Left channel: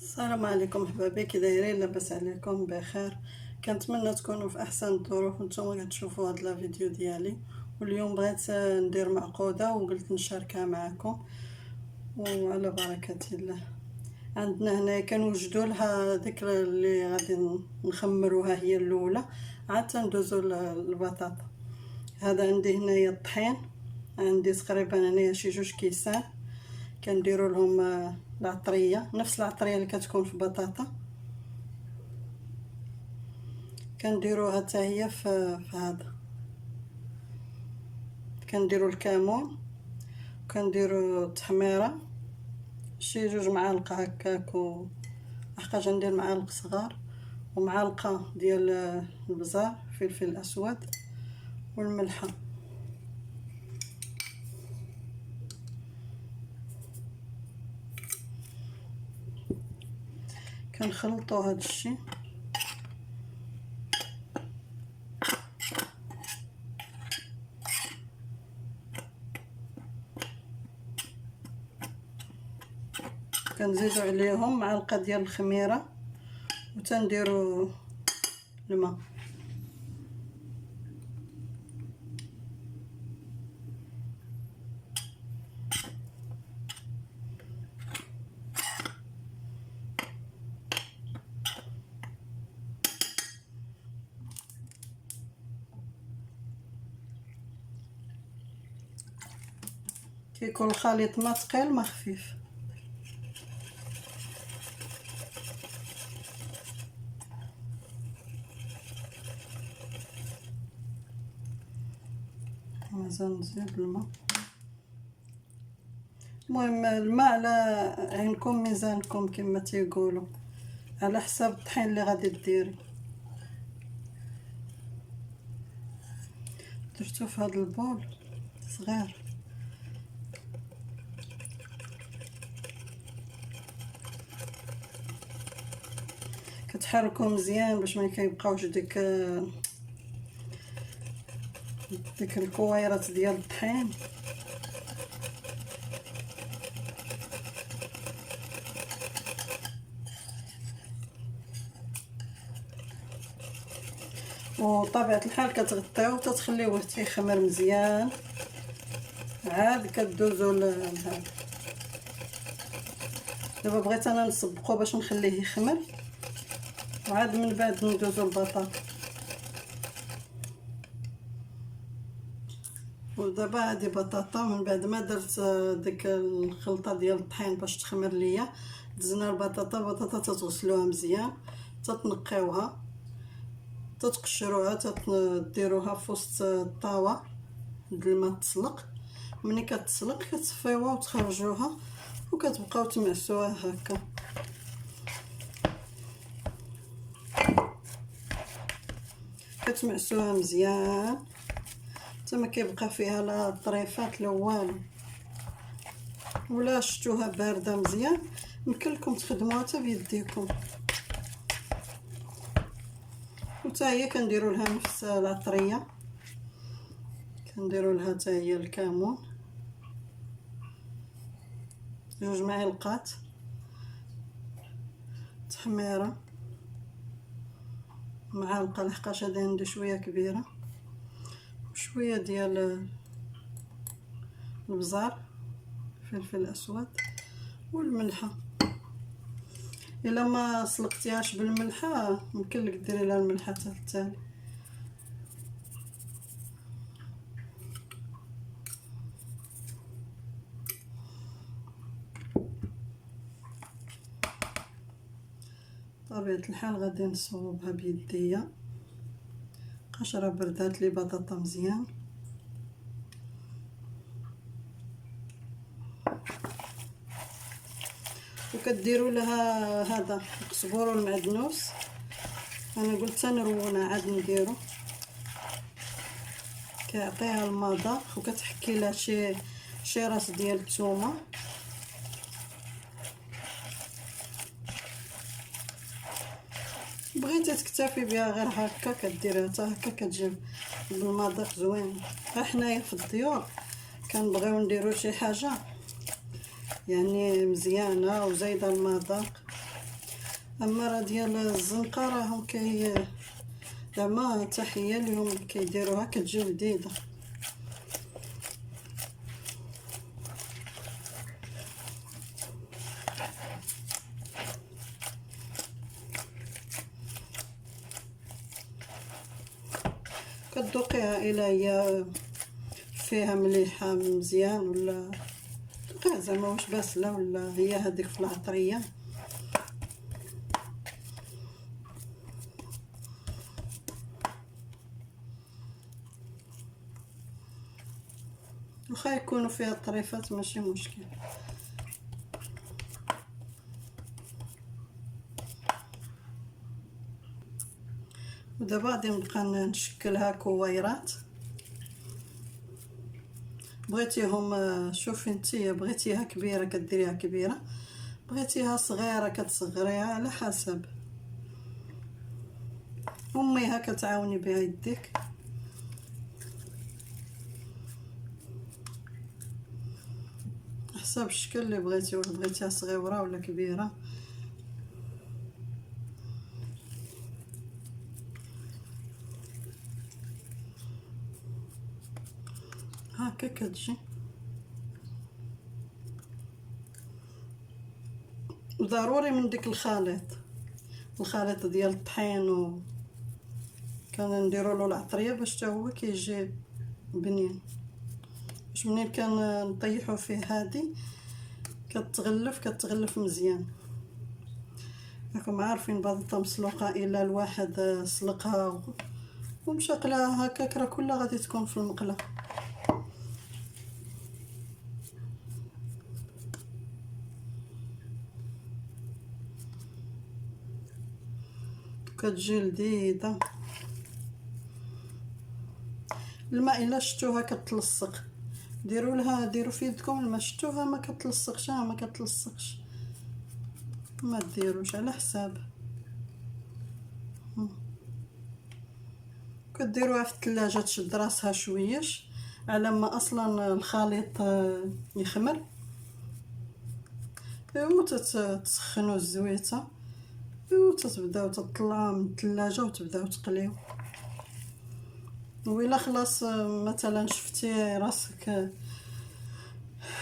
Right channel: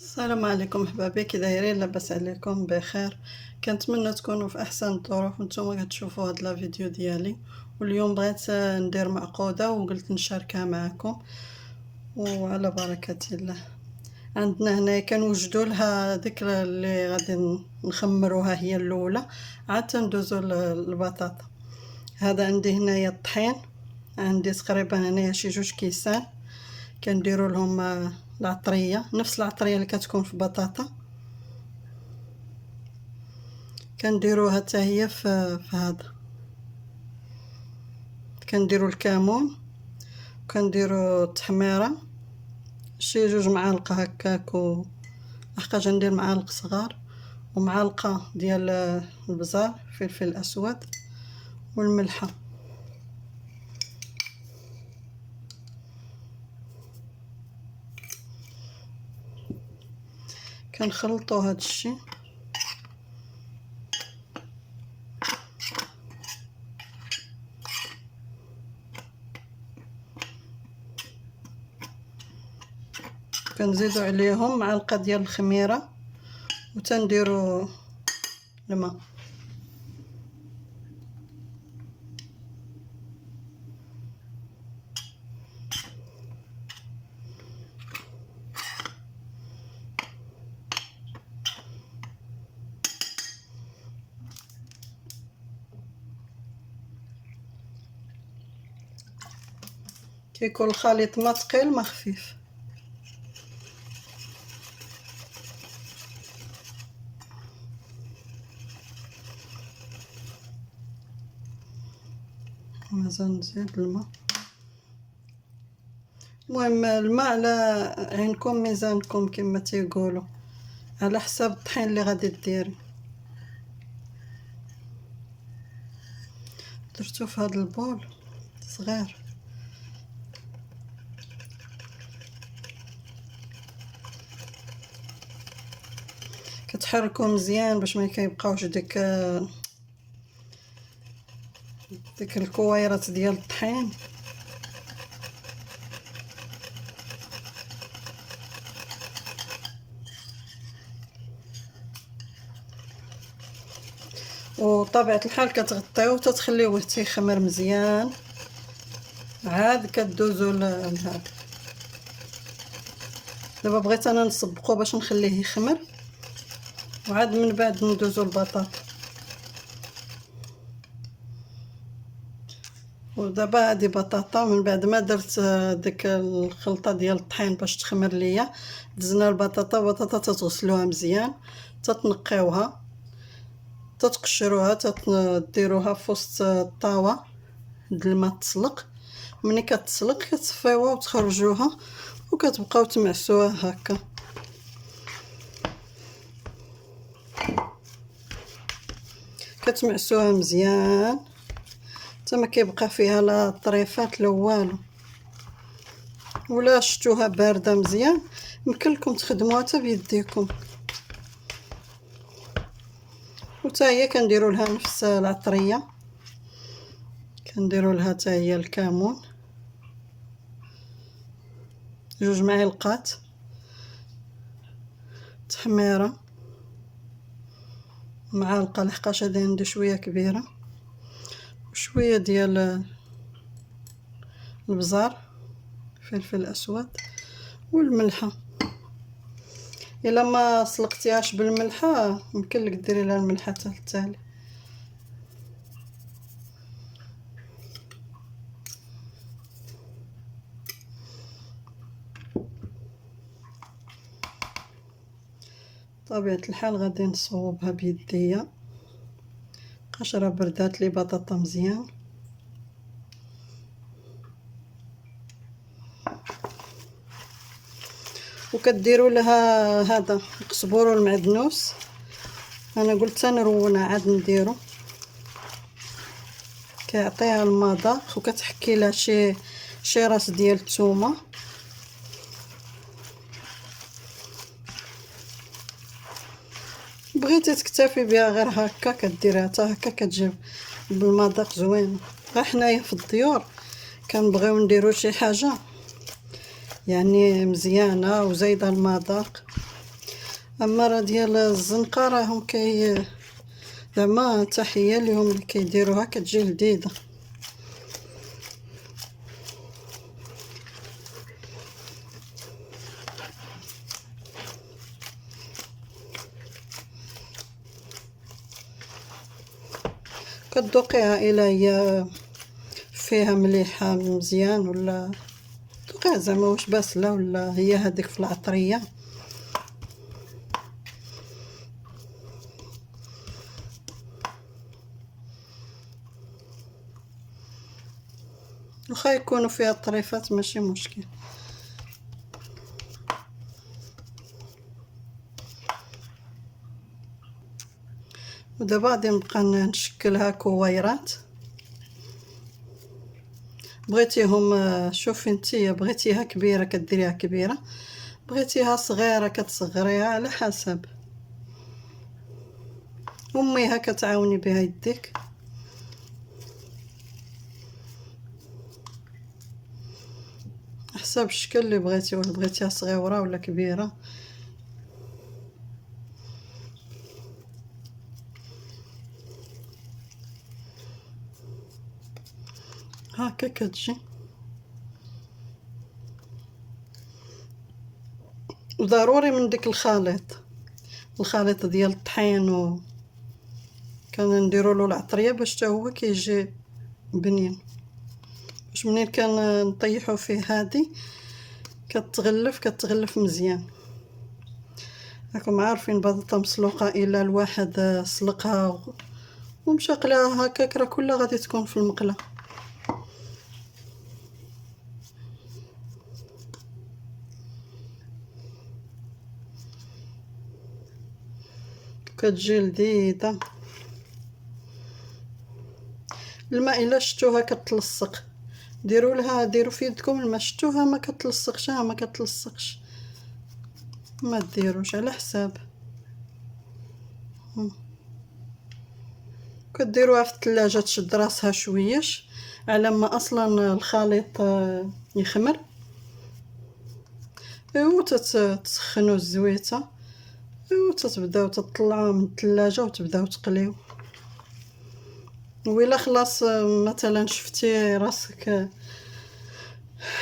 السلام عليكم احبابي، كي دايرين؟ لاباس عليكم بخير؟ كنتمنى تكونوا في احسن الظروف. نتوما كتشوفوا هاد لا فيديو ديالي، واليوم بغيت ندير معقوده وقلت نشاركها معكم وعلى بركه الله. عندنا هنا كنوجدوا لها ديك اللي غادي نخمروها هي الاولى، عاد تندوزو للبطاطا. هذا عندي هنايا الطحين، عندي تقريبا هنايا شي 2 كيسان. كنديروا لهم العطريه، نفس العطريه اللي كتكون في بطاطا كنديروها حتى هي في هذا. كنديروا الكمون، كنديروا التحميره شي 2 معالق هكاك، لحقاش ندير معالق صغار، ومعلقه ديال البزار فلفل اسود والملحه. كنخلطوا هذا الشيء كنزيدوا عليهم معلقه ديال الخميره وتنديروا الماء. كيكون الخليط ما ثقيل ما خفيف. مازال نزيد الماء. المهم الماء على عينكم ميزانكم كما تيقولوا، على حساب الطحين اللي غادي ديري. درتو في هذا البول صغير. كتحركوا مزيان باش ما كيبقاوش ديك الكويرات ديال الطحين. وطبيعة الحال كتغطيوه تتخليوه تيخمر مزيان، عاد كدوزو لهذا. دابا بغيت انا نسبقو باش نخليه يخمر، وعاد من بعد ندوزو البطاطا. ودابا هادي بطاطا، ومن بعد ما درت ديك الخلطه ديال الطحين باش تخمر ليا، دزنا البطاطا تتغسلوها مزيان، تتنقيوها، تتقشروها، تديروها في وسط الطاوه د الماء تسلق. ملي كتسلق كتصفيوها وتخرجوها، وكتبقاو تمعسوها هكا. كتمعسوها مزيان حتى ما كيبقى فيها لا طريفات لا والو. ولا شفتوها بارده مزيان يمكن لكم تخدموها حتى بيديكم. وتا هي كنديروا لها نفس العطريه، كنديروا لها حتى هي الكمون 2 معالق، تحميره معلقه لحقاش هادي عندي شويه كبيره، وشويه ديال البزار فلفل اسود والملحه. الا ما سلقتيهاش بالملحه يمكن لك ديري لها الملحه حتى التالي. طبيعة الحال غادي نصوبها بيديا، قشره بردات لي بطاطا مزيان. وكديروا لها هذا القزبور والمعدنوس. انا قلت تنرونه عاد نديرو، كيعطيها المذاق. وكتحكي لها شي راس ديال الثومه. بغيتي تكتفي بها غير هكا كديرها حتى هكا كتجيب بالمذاق زوين. غير حنايا في الديور كنبغيو نديرو شي حاجه يعني مزيانه وزايده المذاق، اما راه ديال الزنقه راهم زعما تحيه ليهم اللي كيديروها كتجي لذيذه. كتذوقيها الا هي فيها مليحه مزيان ولا ذوقيها زعما واش باسله ولا هي هذيك في العطريه. واخا يكونوا فيها طريفات ماشي مشكل. ودابا غادي نبقى نشكلها كويرات. بغيتيهم شوفي نتيا بغيتيها كبيره كديريها كبيره، بغيتيها صغيره كتصغريها على حسب. اميها كتعاوني بها يديك. حسب الشكل اللي بغيتي، ولا بغيتيها صغيره ولا كبيره. هكا كتجي. وضروري من ديك الخليط ديال الطحين كنديروا له العطريه باش حتى هو كيجي بنين. باش منين نطيحوا فيه هادي كتغلف مزيان. راكم عارفين البطاطا مسلوقه الا الواحد سلقها ومشى قلاها هكاك راه كلها غادي تكون في المقله. كتجي لذيذه. الماء الا شفتوها كتلصق ديروا في يدكم الماء. شفتوها ما كتلصقش، ما كتلصقش، ما ديروش على حساب. كديروها في الثلاجه تشد راسها شويش على ما اصلا الخليط يخمر. ايوا تسخنوا الزويته، ايوا تتبداو تطلعوا من الثلاجه وتبداو تقليو. وإلا خلاص مثلا شفتي راسك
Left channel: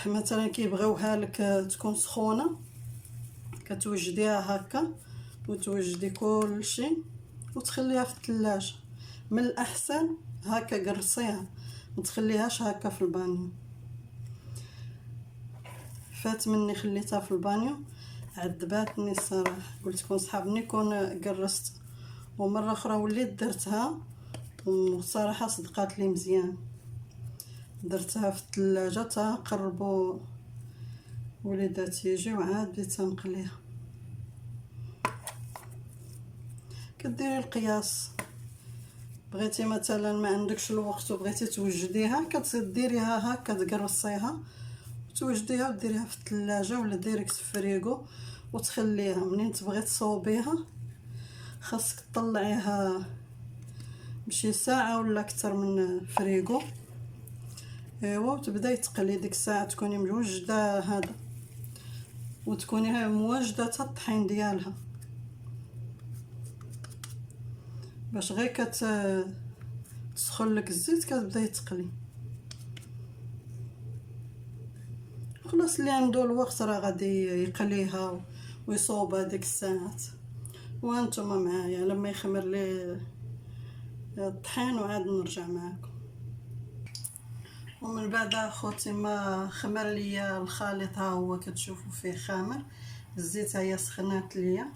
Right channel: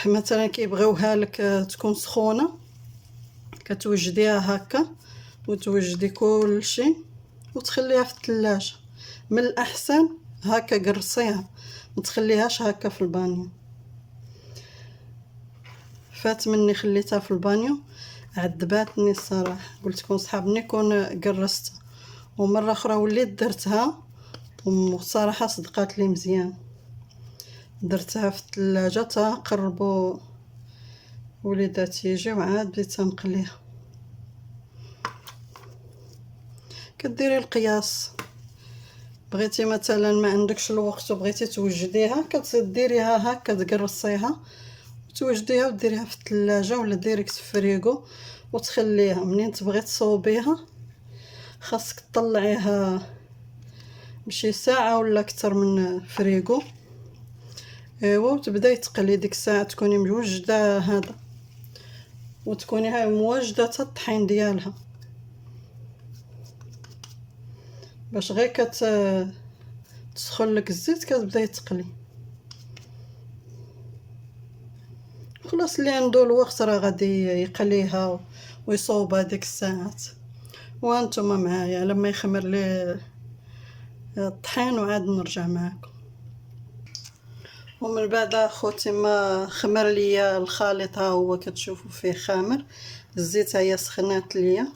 مثلا كيبغيوها لك تكون سخونه، كتوجديها هكا وتوجدي كلشي وتخليها في الثلاجه. من الاحسن هكا قرصيها، ما تخليهاش هكا في البانيو. فات مني خليتها في البانيو عذباتني الصراحه. قلت لكم صحابني كون قرصت، ومره اخرى وليت درتها وصراحه صدقات لي مزيان. درتها في الثلاجه تا قربوا وليداتي يجيو عاد بديت نقليها. كديري القياس. بغيتي مثلا ما عندكش الوقت وبغيتي توجديها كتديريها هكا تقرصيها وتوجديها وديريها في الثلاجه ولا ديريكت في الفريغو وتخليها. منين تبغي تصوبيها خاصك تطلعيها بشي ساعه ولا اكثر من الفريغو. ايوا وتبداي تقلي ديك الساعه تكوني موجده هذا، وتكوني هاي مواجده حتى الطحين ديالها باش غير تسخن لك الزيت كتبداي تقلي. خلاص اللي عنده الوقت راه غادي يقليها ويصوبها ديك الساعات. وانتم معايا لما يخمر لي الطحين وعاد نرجع معكم. ومن بعد اخوتي ما خمر ليا الخليط ها هو كتشوفوا فيه خامر. الزيت هي سخنات ليا.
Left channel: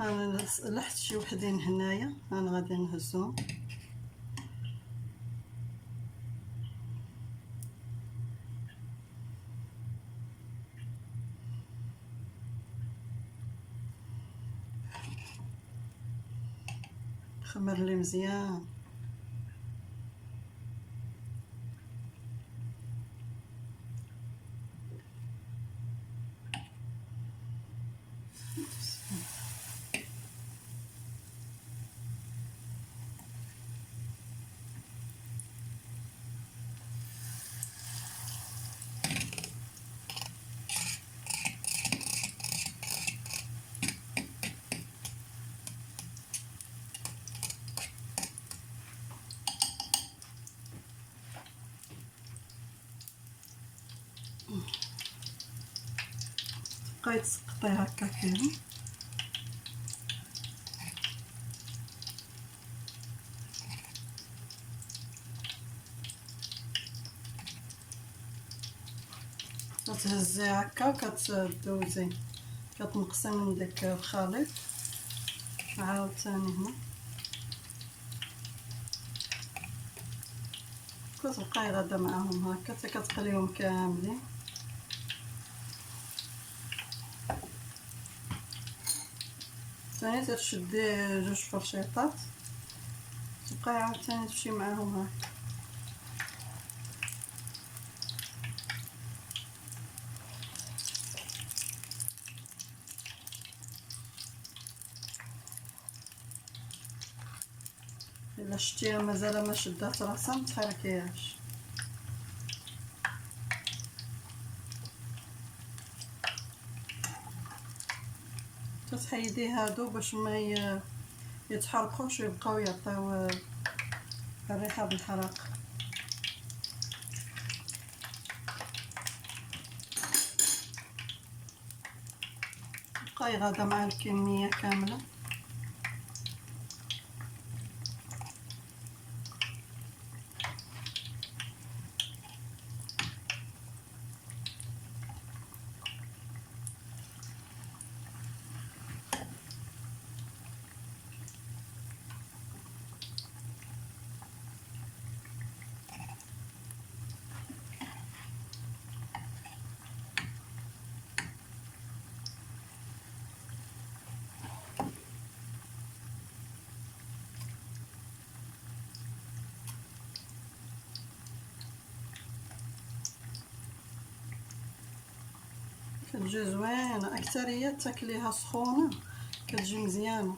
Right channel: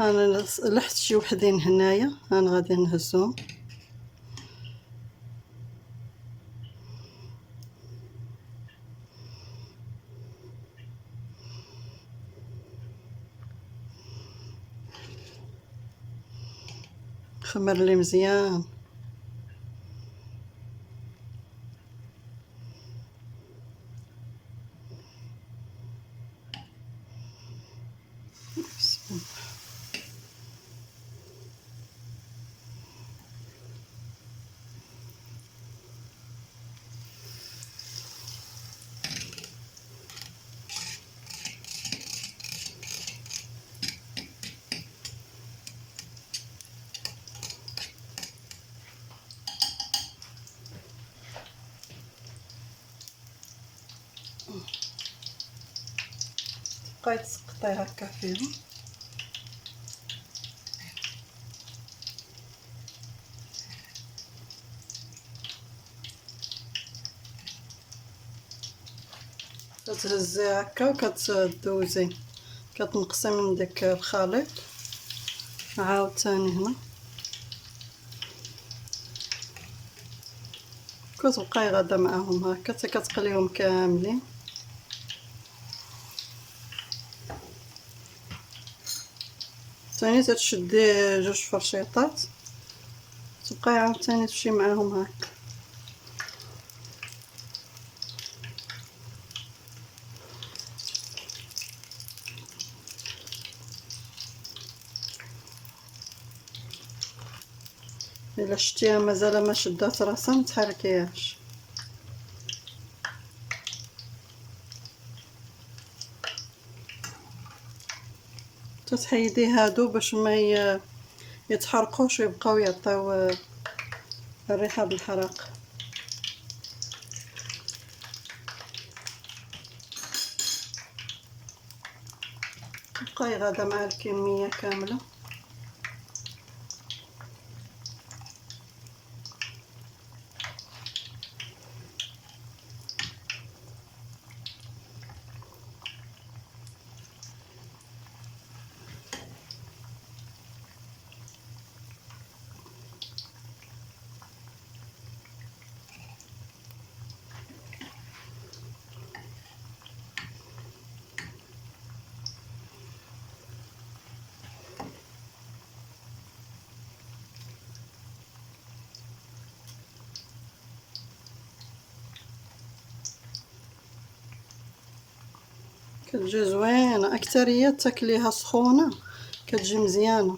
انا لحت شي وحدين هنايا انا غادي نهزهم. خمر لي مزيان. بقاي تسقطي هكا فيهم. كتهزي هكا وكتدوزي كتنقصي من داك الخليط. عاوتاني هنا كتبقاي غادا معاهم هكا حتى كتقليهم كاملين. ثاني تشدي جوج فرشيطات تبقاي عاوتاني تمشي معاهم هكا. الا شتيها مازال ما شدات راسها متحركيهاش. تتحيدي هادو باش ما يتحرقوش ويبقاو يعطيو الريحه بالحراق. بقاي غادا مع الكميه كامله. كتجي زوينه، اكثريه تاكليها سخونه كتجي مزيانه،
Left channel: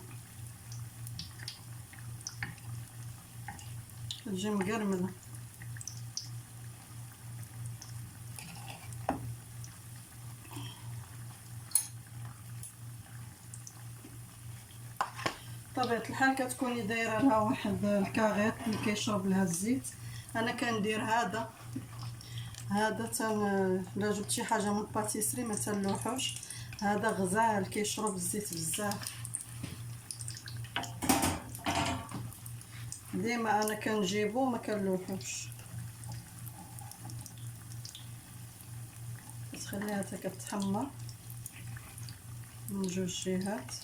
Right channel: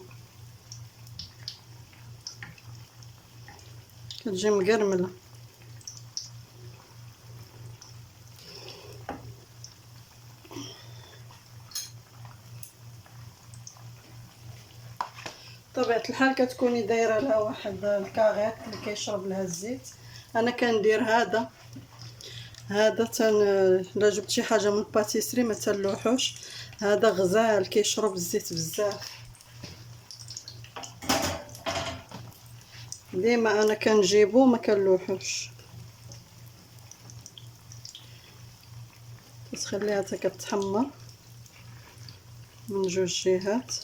كتجي مقرمله. بطبيعه الحال كتكوني دايره لها واحد الكاغيط اللي كيشرب لها الزيت. انا كندير هذا الا جبت شي حاجه من الباتيسري ما تلوحوش، هذا غزال كيشرب الزيت بزاف. ديما انا كنجيبو ما كنلوحوش. كتخليها حتى كتحمر من جوج جهات.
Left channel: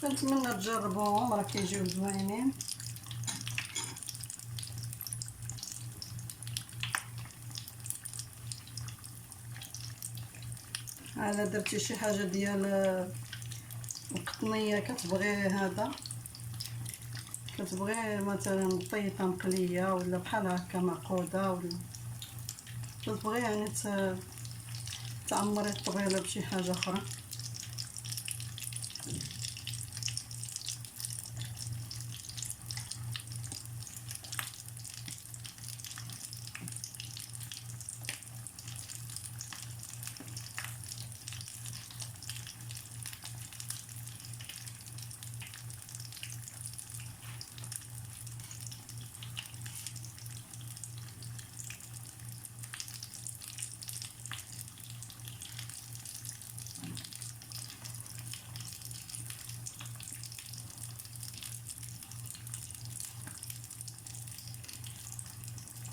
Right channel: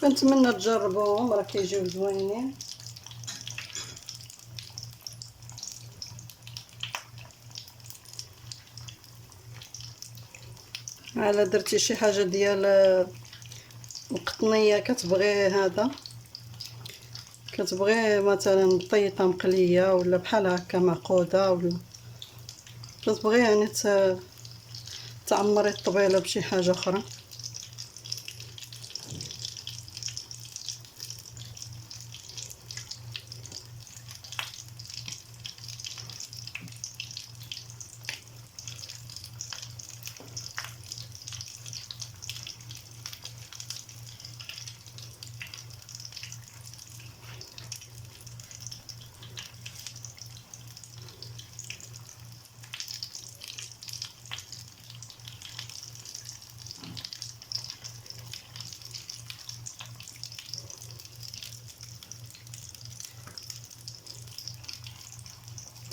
كنتمنى تجربوهم، راه كيجيو زوينين. الا درتي شي حاجه ديال القطنيه كتبغي هذا، كتبغي مثلا بطيطه مقليه ولا بحال هكا معقوده، ولا كتبغي يعني تعمري الطبيله بشي حاجه اخرى.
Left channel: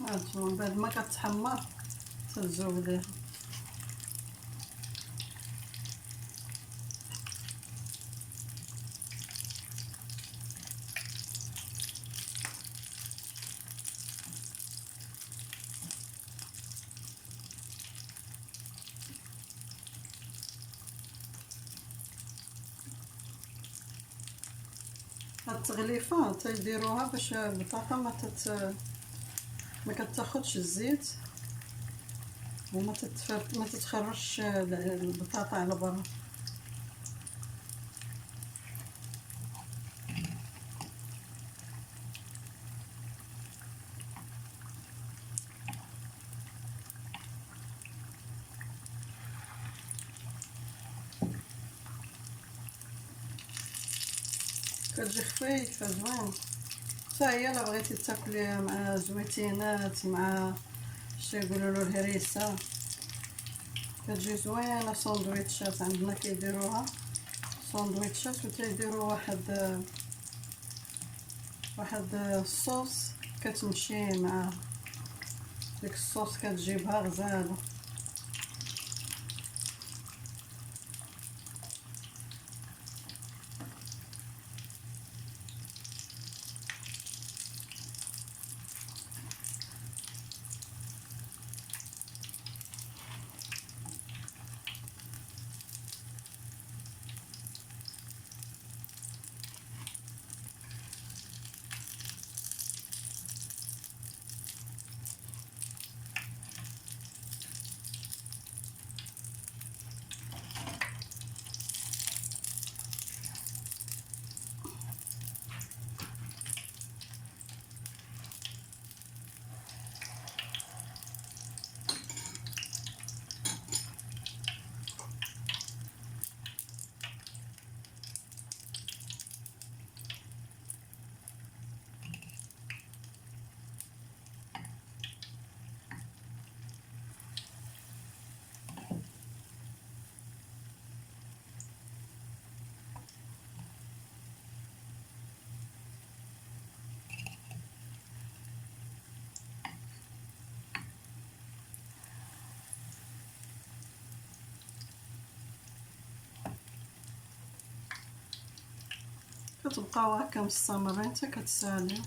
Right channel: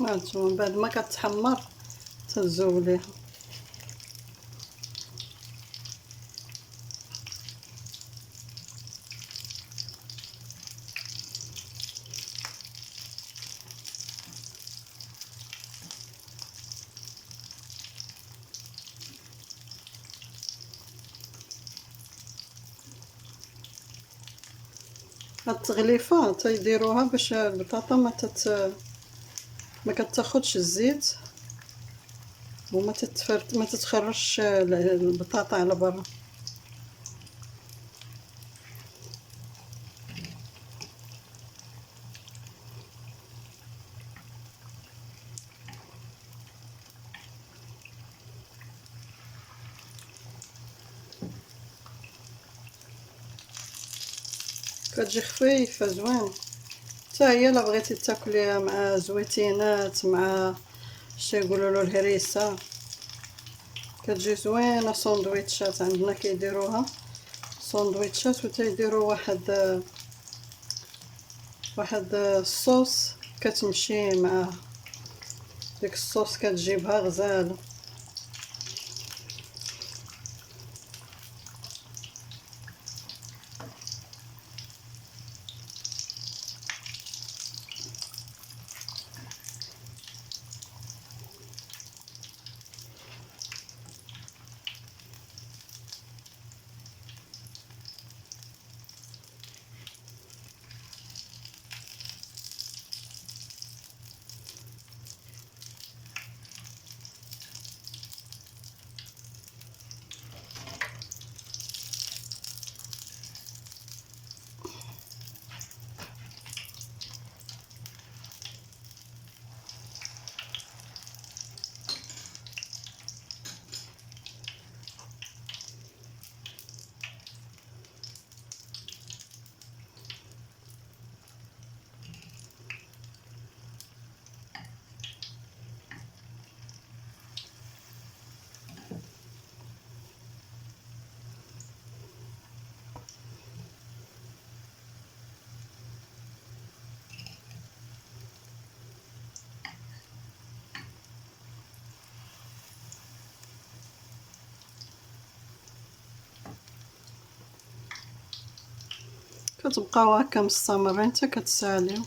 هانتوما بعد ما كتحمر تزوليها. هاد التغليفه تيديروها باش البطاطا ما كتاخدش الزيت وما ما تتخرجش البطاطا على برا. كتجي خفيفه زوينه. حتى هي الا بغيتي تاكليها مع زويتينات، مع شي يقولولو الهريسه، كتجي زوينه. ساندويتشات عندنا كيديروها ساندويتشات، وتيديروا واحد الصوص كتمشي مع ديك الصوص، كتجيبها غزاله. كتبقاو هكا مستمرين حتى كتساليو.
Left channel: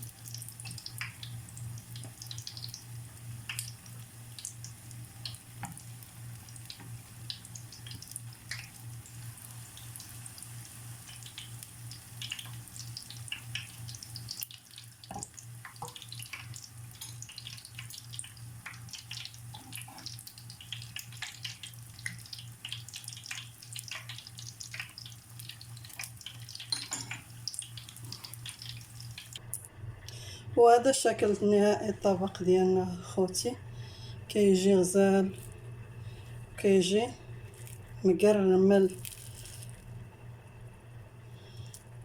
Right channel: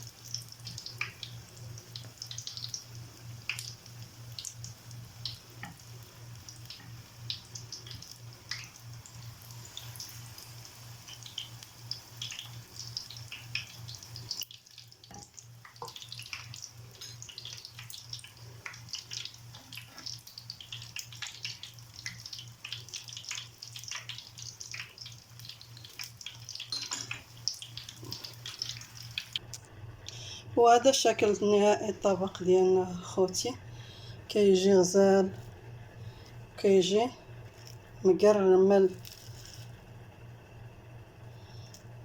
وهذا الشكل النهائي الطبق ديالنا خوتي. كيجي غزال، كيجي مقرمل،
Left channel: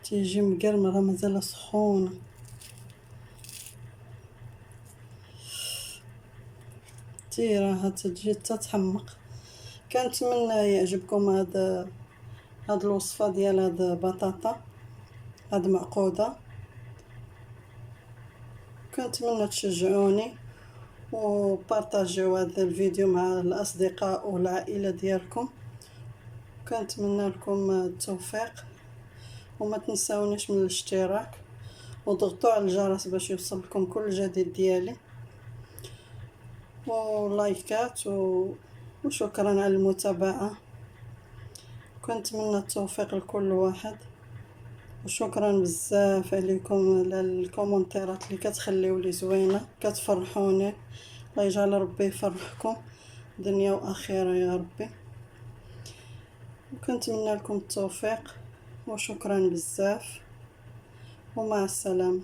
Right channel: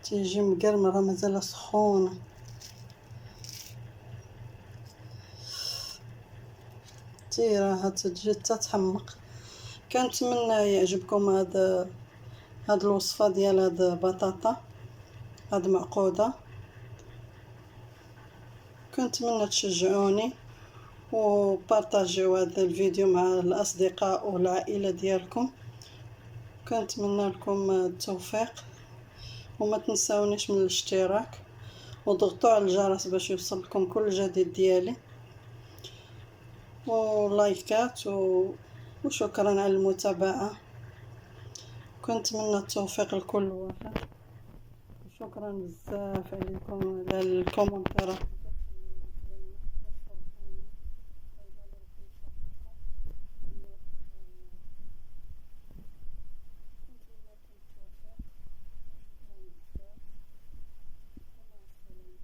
تيجي مقرمل، راه مازال سخونه. راها تجي تتحمق. كنتمنى يعجبكم هاد الوصفه ديال هاد بطاطا، هاد معقوده. كنتمنى تشجعوني وبارطاجيو هذا الفيديو مع الاصدقاء والعائله ديالكم. كنتمنى لكم التوفيق، وما تنساونيش من الاشتراك، وضغطوا على الجرس باش يوصلكم كل جديد ديالي، ولايكات وشكرا على المتابعه. كنتمنى التوفيق لكل واحد، وشكرا بزاف عليكم على الكومنتيرات اللي كتخليو لي زوينه، كتفرحوني. الله يجعل ربي يفرحكم دنيا واخره يا ربي. كنتمنى لكم التوفيق، وشكرا بزاف، ومع السلامه.